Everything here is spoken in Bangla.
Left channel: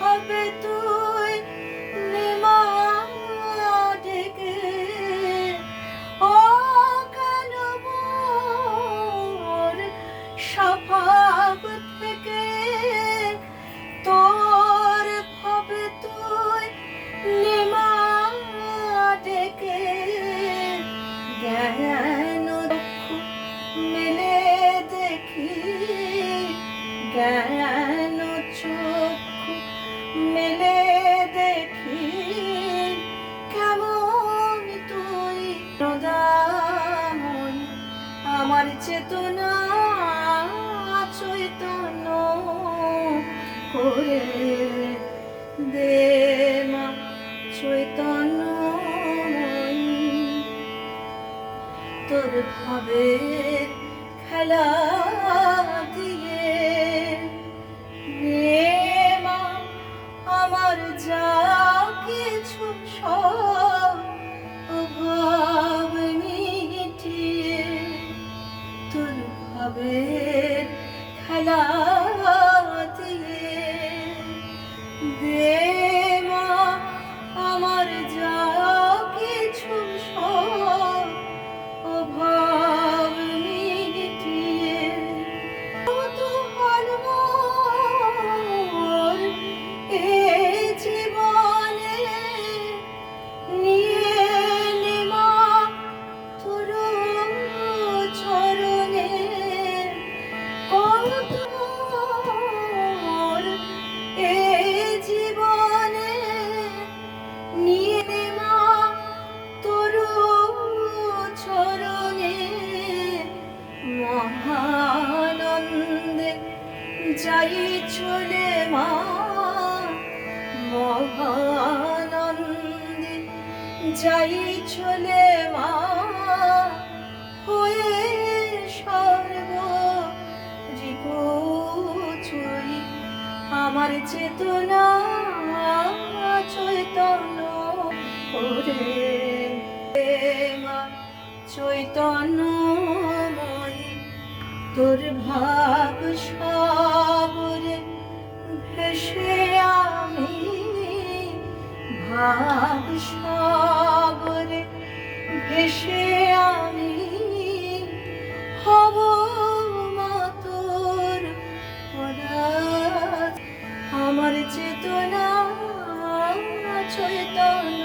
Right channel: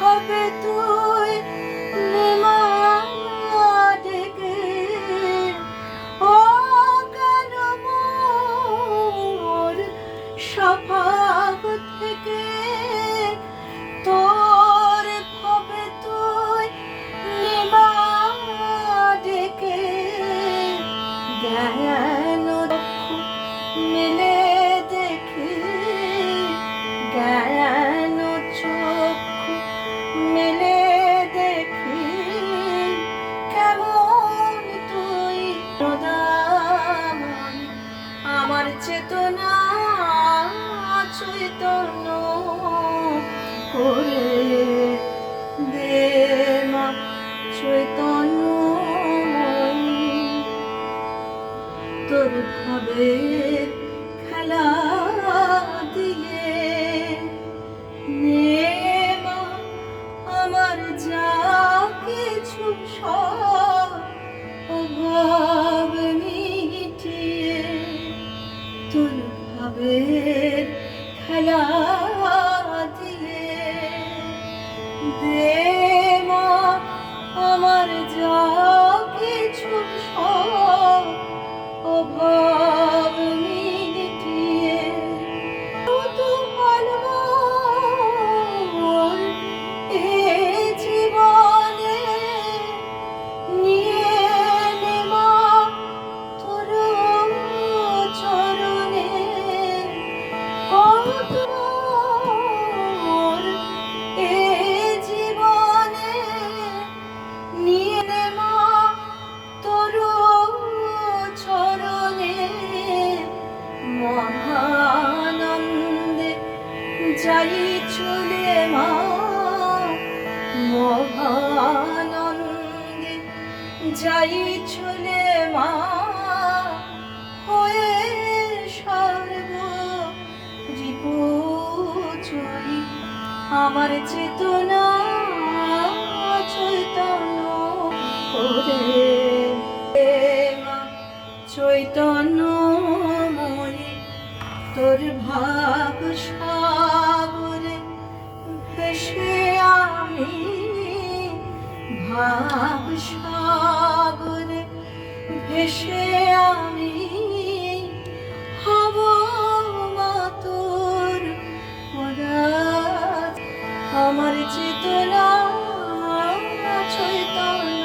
হবে তুই ডেকে ও কেন মোর স্বভাব থেকে তোর হবে তুই ডেকে জ্ঞান চক্ষু মেলে দেখি জ্ঞান চক্ষু মেলে দেখি কেমন তুই প্রদামন আমার চেতনা চৈতন্য করে দে মা চৈতন্যময়ী তোর ভাবের খেলা দিয়ে নে মা আমার যা কিছু সব অভাব মিটিয়ে তোর ভাবের খেলা দিয়ে দে মা আমার যা কিছু সব অভাব মিটিয়ে কৌতূহল মোর এ জীবনে নিয়ে নে মা তোর চরণে কৌতূহল এ জীবনে নিয়ে নে মা তোর চরণে মহানন্দে যাই চলে মা মহানন্দে যাই চলে মা হয়ে সর্ব রিপুজয়ী আমার চেতনা চৈতন্য করে মা চৈতন্যময়ী তোর ভাব সাগরে ভেসে আমি ভাব সাগরে ভেসে আমি হব মা তোর পদার্থ আমার চেতনা চৈতন্য